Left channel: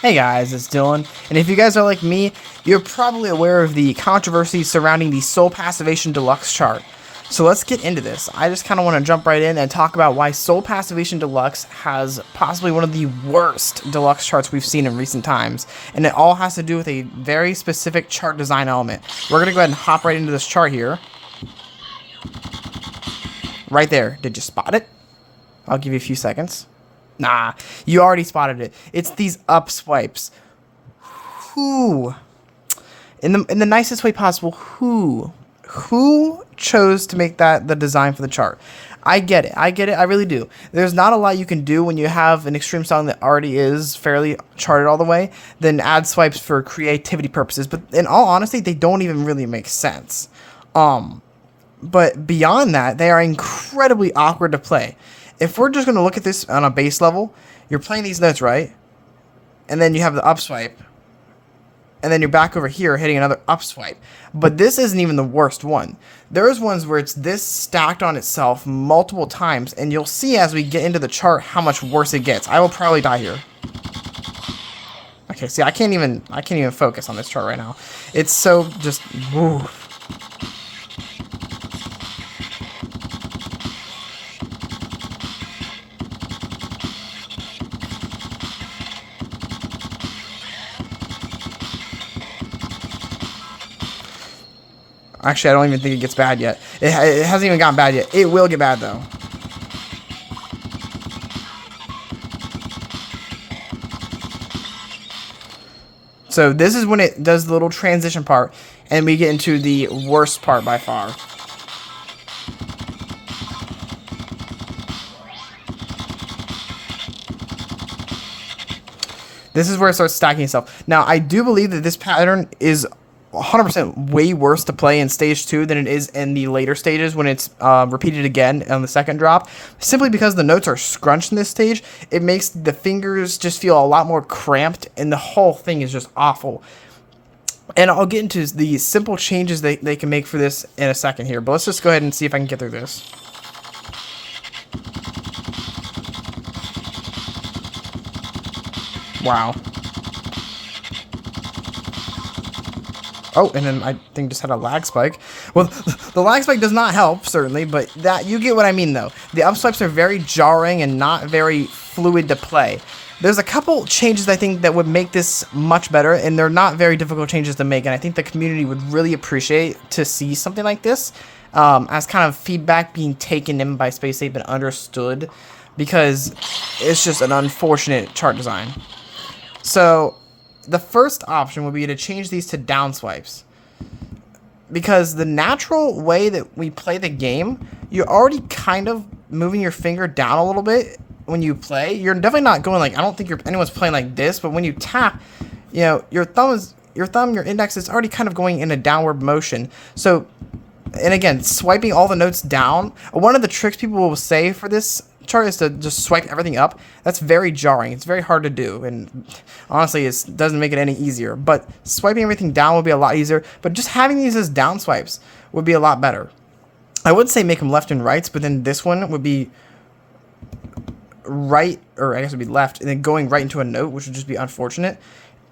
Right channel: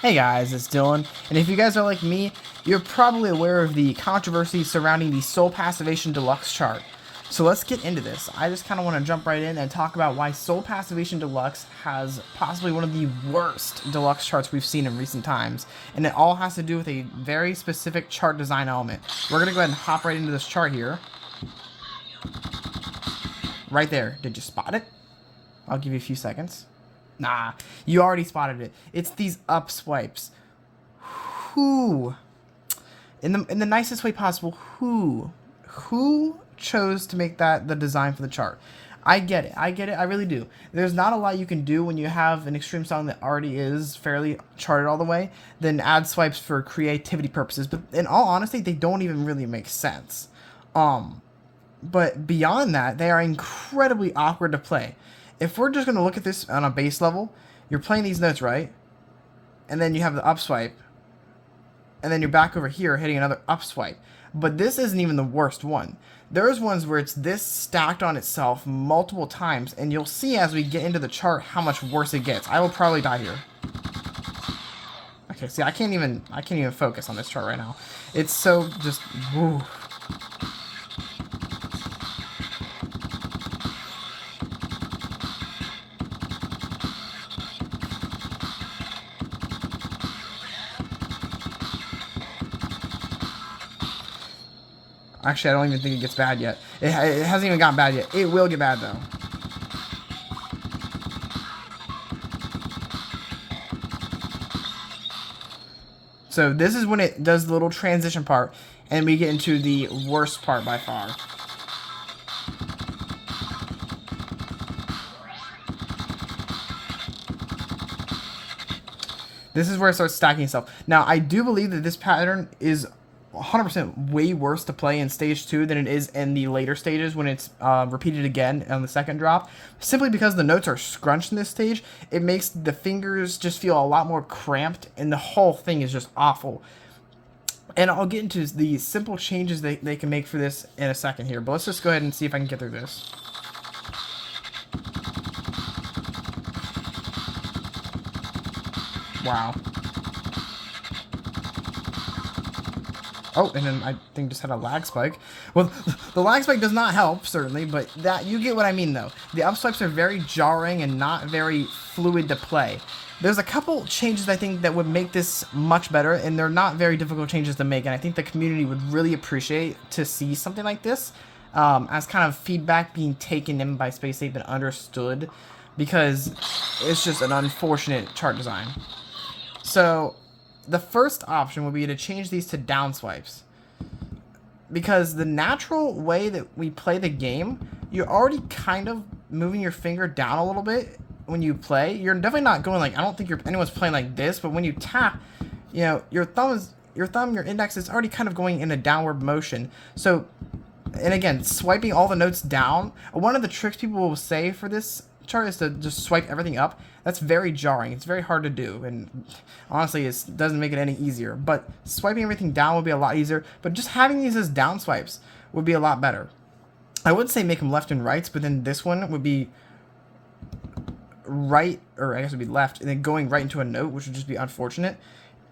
Hey guys, it's Dylan, and if you guys are like me, you're probably aware of the controversy surrounding the Soul Passivation Deluxe chart. So let's get into this. I just kind of want to jump right in and talk about why Soul Passivation Deluxe has possibly one of the worst deluxe charts we've seen in recent times, and it all has to do with a very specific chart design element. We're going to go ahead and hop right into this chart here. Right there. Did you spot it? I'll give you a few seconds. Nah, you already spotted it. It's these up swipes. Who, in the nicest way possible, who chose to make that the design for the chart? I get it. I really do. There's not a lot you can do when you have an extreme styling that already is fairly charted all the way, then add swipes for creativity purposes. But in all honesty, they don't even really make sense. But beyond that, they are incredibly awkward to play. If we're just going to look at this on a base level, you're playing these notes, right? And then you have the up swipe. And then you're back over here hitting another up swipe. But this isn't even the worst one. There's ones where it's this stacked on itself multiple times. And you'll see as we get into the chart how much worse it gets. I will probably die here. Okay, see, I can't even focus on this chart right now. It's so just... Woo. Actually, I don't even think it gets bad yet. It hasn't even gotten bad yet. It will get bad, though. So this is when it does the little transition part, and we get into the worst part by far. This is where it starts stacking itself. Now, I do believe that this pattern is 100% way worse to play in stage 2 than it is in the later stages when it's repeated again on the second drop. Simply because the notes are scrunched in this stage, it makes the fingers just feel a lot more cramped, and the whole thing is just awful. And I'll get into the simple changes they can make for this in a second here, but let's just go ahead and see if I can get through this. Wow. Oh, and then I think just had a lag spike. Well, the lag spike does not help, certainly, but that you get what I mean, though. The up swipes are very jarring and not very fluid to play. There's a couple changes I think that would make this much better, and they're not very difficult changes to make, and I think the community would really appreciate to see something like this as kind of feedback being taken in by Space Ape and understood, because it's just an unfortunate chart design. So the first option would be to change these to down swipes, because the natural way that we play the game, you're already kind of moving your finger down a little bit when you play. You're definitely not going like, I don't think anyone's playing like this, but when you tap, you know, your index is already kind of going in a downward motion. So, and again, swiping all the notes down, one of the tricks people will say for this chart is to just swipe everything up. That's very jarring. It's very hard to do, and honestly, it doesn't make it any easier. But swiping everything down would be a lot easier, but just having these as down swipes would be a lot better. I would say make them left and rights, but then this one would be right, or I guess it would be left, and then going right into a note, which would just be unfortunate.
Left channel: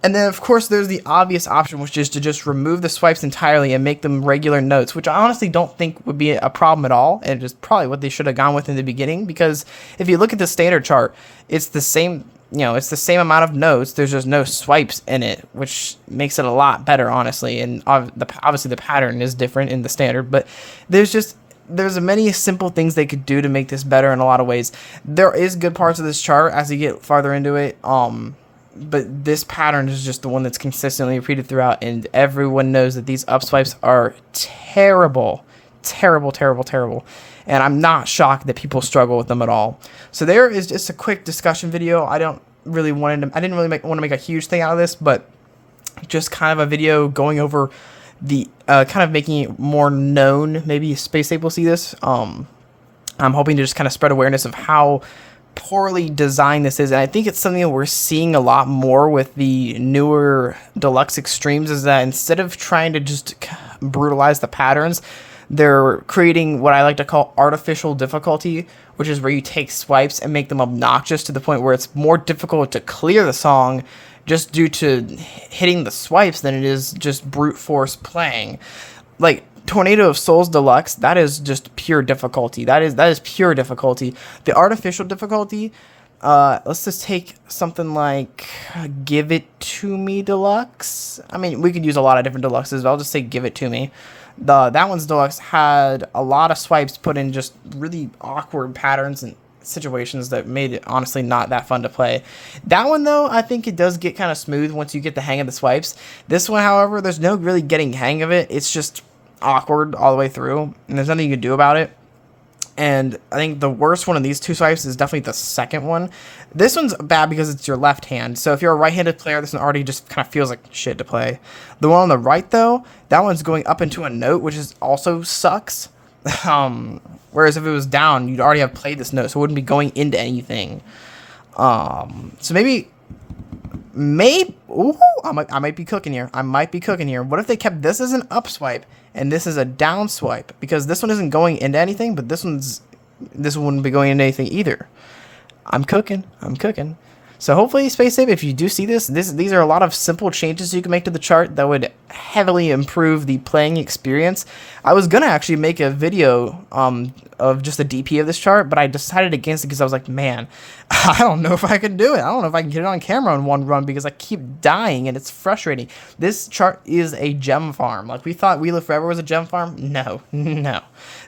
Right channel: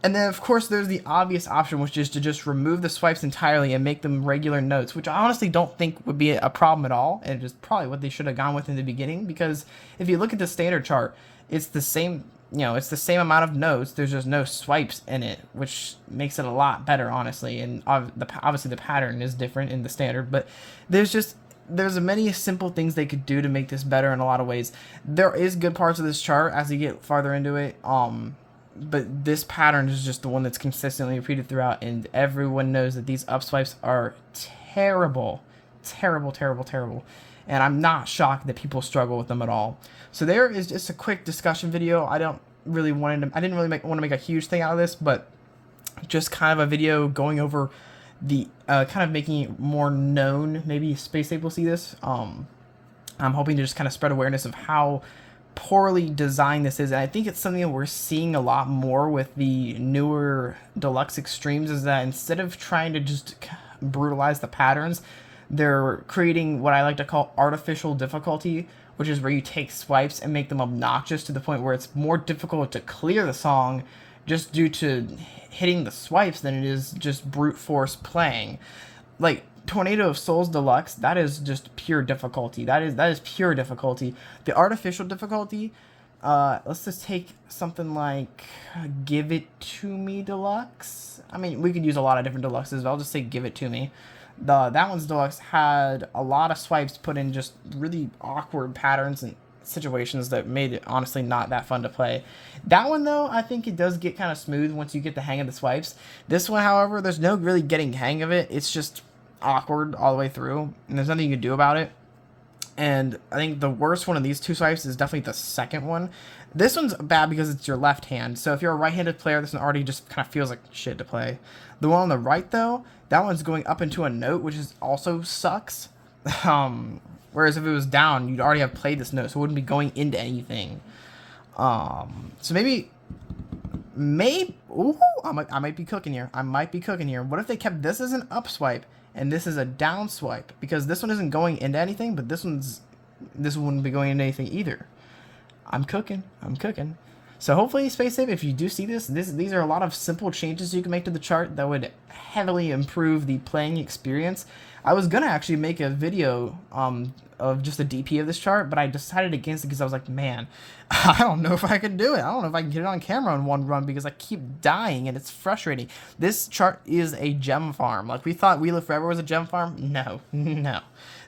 And then, of course, there's the obvious option, which is to just remove the swipes entirely and make them regular notes, which I honestly don't think would be a problem at all, and it's probably what they should have gone with in the beginning, because if you look at the standard chart, it's the same, you know, it's the same amount of notes, there's just no swipes in it, which makes it a lot better, honestly, and obviously the pattern is different in the standard, but there's many simple things they could do to make this better in a lot of ways. There is good parts of this chart as you get farther into it, but this pattern is just the one that's consistently repeated throughout, and everyone knows that these up swipes are terrible, terrible, terrible, terrible, and I'm not shocked that people struggle with them at all. So there is just a quick discussion video. I didn't really want to make a huge thing out of this, but just kind of a video going over the kind of making it more known. Maybe Space Ape will see this. I'm hoping to just kind of spread awareness of how poorly designed this is, and I think it's something that we're seeing a lot more with the newer Deluxe Extremes, is that instead of trying to just brutalize the patterns, they're creating what I like to call artificial difficulty, which is where you take swipes and make them obnoxious to the point where it's more difficult to clear the song just due to hitting the swipes than it is just brute force playing. Like Tornado of Souls Deluxe, that is just pure difficulty. That is pure difficulty. The artificial difficulty, let's just take something like Give It To Me Deluxe. I mean, we could use a lot of different deluxes, but I'll just say Give It To Me. That one's deluxe had a lot of swipes put in just really awkward patterns and situations that made it honestly not that fun to play. That one though, I think it does get kind of smooth once you get the hang of the swipes. This one, however, there's no really getting hang of it. It's just awkward all the way through, and there's nothing you can do about it. And I think the worst one of these two swipes is definitely the second one. This one's bad because it's your left hand. So if you're a right-handed player, this one already just kind of feels like shit to play. The one on the right, though, that one's going up into a note, which is also sucks. Whereas if it was down, you'd already have played this note, so it wouldn't be going into anything. So maybe, ooh, I might be cooking here. What if they kept this as an up swipe and this is a down swipe? Because this one isn't going into anything, but this one wouldn't be going into anything either. I'm cooking. So hopefully, Space Ape, if you do see these are a lot of simple changes you can make to the chart that would heavily improve the playing experience. I was gonna actually make a video of just the DP of this chart, but I decided against it because I was like, man, I don't know if I could do it. I don't know if I can get it on camera in one run because I keep dying and it's frustrating. This chart is a gem farm. Like we thought We Live Forever was a gem farm. No.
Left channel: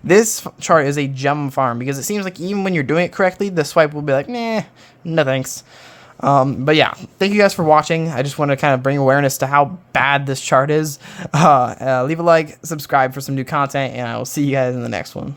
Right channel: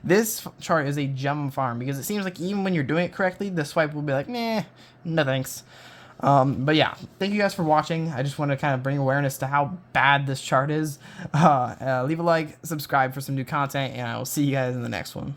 This chart is a gem farm because it seems like even when you're doing it correctly, the swipe will be like, nah, no thanks. But yeah, thank you guys for watching. I just want to kind of bring awareness to how bad this chart is. Leave a like, subscribe for some new content, and I will see you guys in the next one.